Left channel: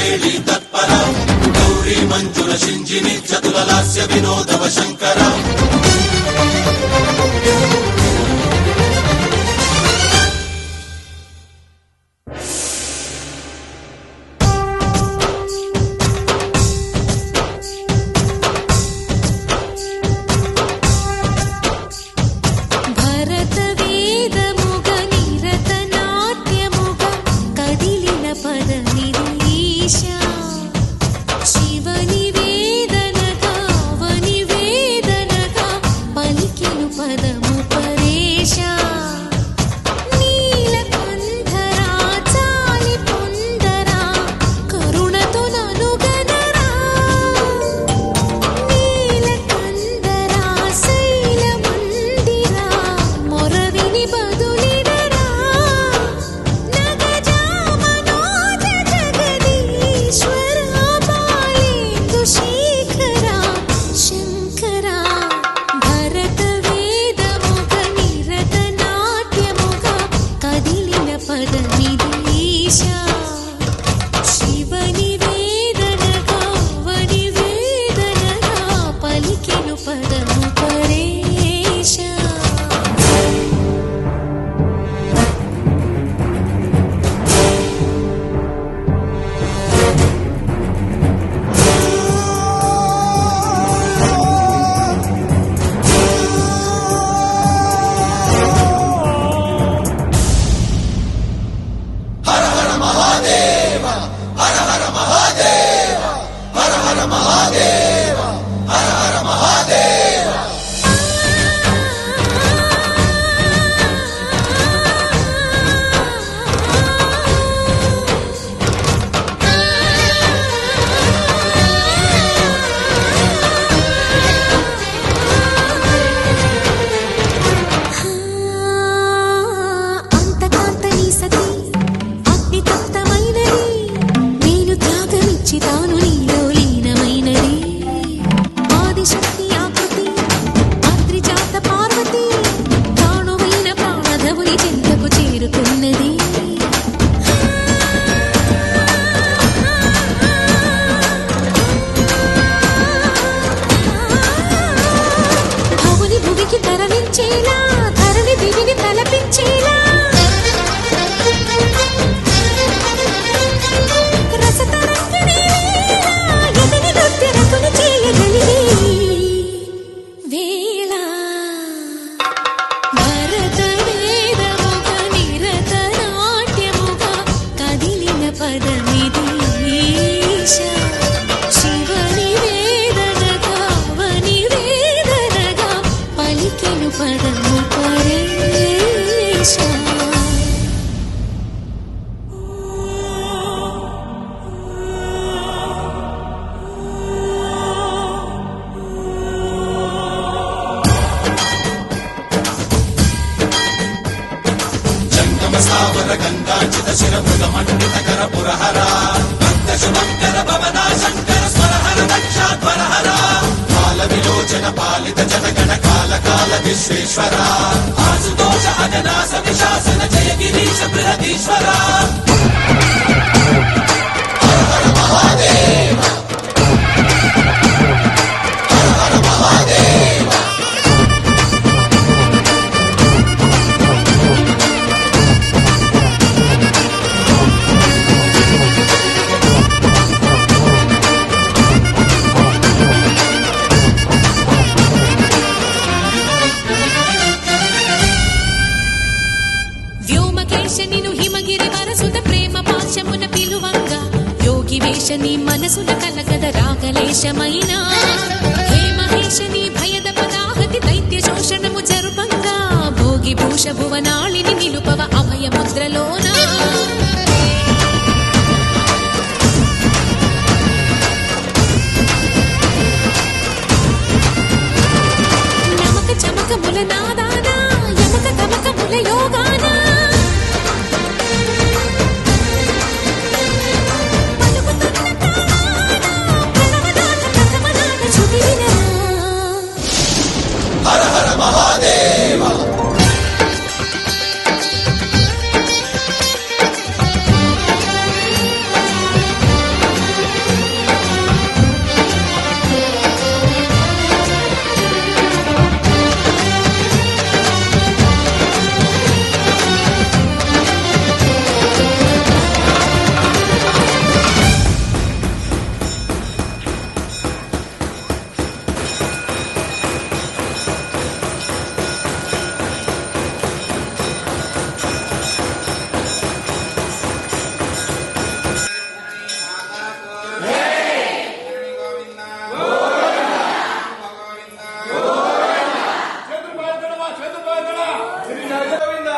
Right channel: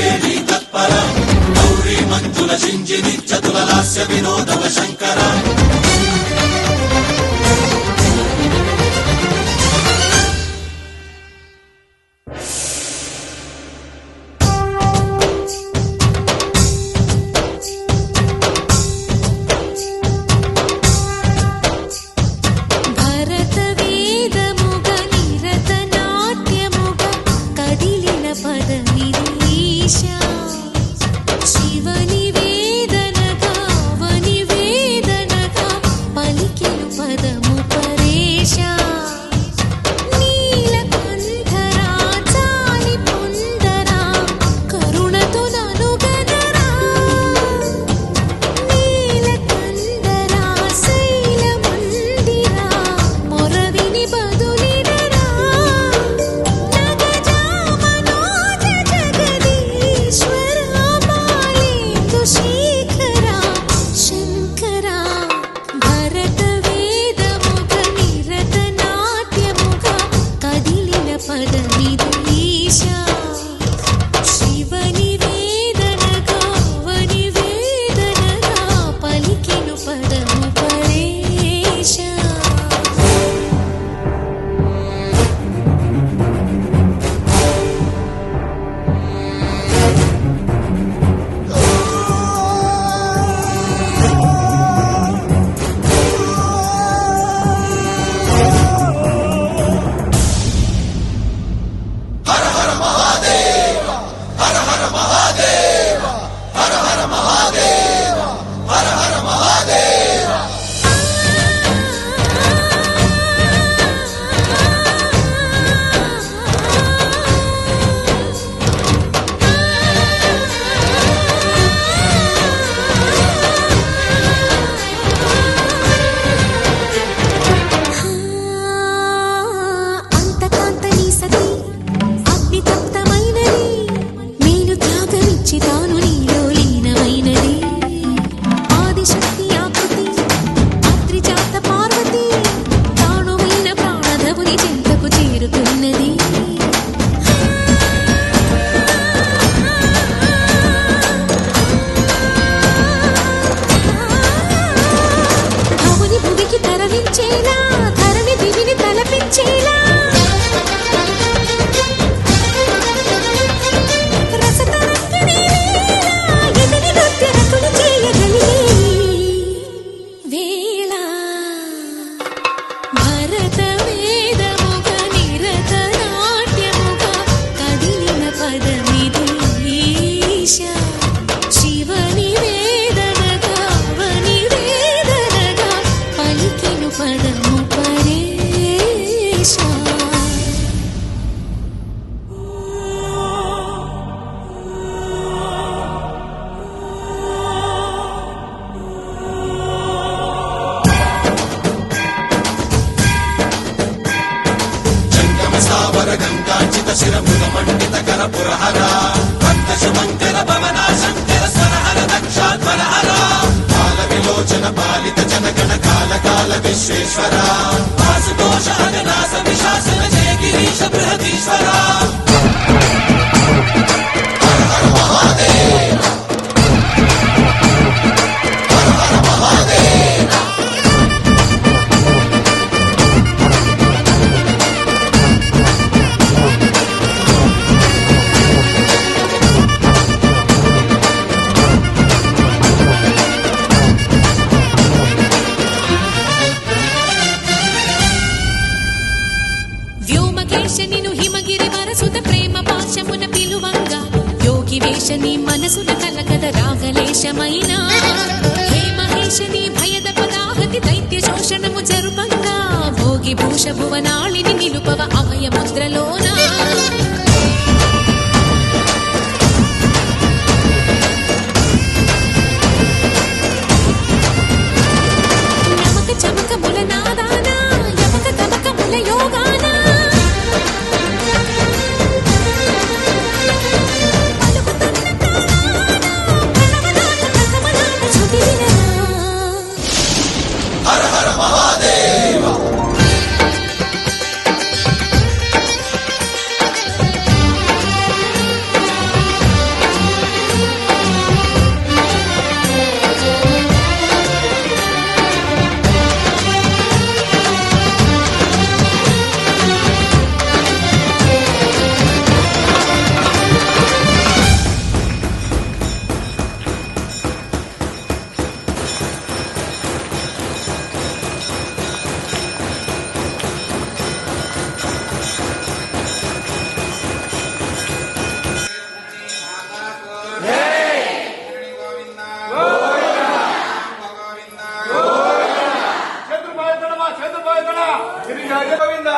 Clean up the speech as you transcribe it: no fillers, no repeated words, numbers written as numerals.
శృంగేరి తత్పర గౌరీ మంజుల శింజిని చతుల లాస్య వినోదవ శంకర తాను నీలో లీనమైనది ఆదిశక్తి ఆకృతి అత్రిజాత పార్వతి తానువైన ప్రాణధవుని చెంతకు చేరుకున్నది భవుని భువికి తరలించేలా ధరణి దివిని తలపించేలా చేయగలిగే వేళ భరత వేదముగ నిరత నాట్యముగా కదిలిన పదమిది ఈశా శివని వేదనగా వని వేదనగా పలికెను పదము పరేశా నిను హిమగిరి వరసుత ప్రేమ పాశమున పిలువంగా యోగి వేషని మనసున కలకద రాగలేశమైనా హే మహేశని భయద పదాహతి దైత్య శోషణము జరుపంగా భోగి భూష భువనాళిని నిలుపవ అభయ ముద్రలోనా నమక చమకముల నాదానా యమక గమకముల యోగానా గిరిజన గోవింద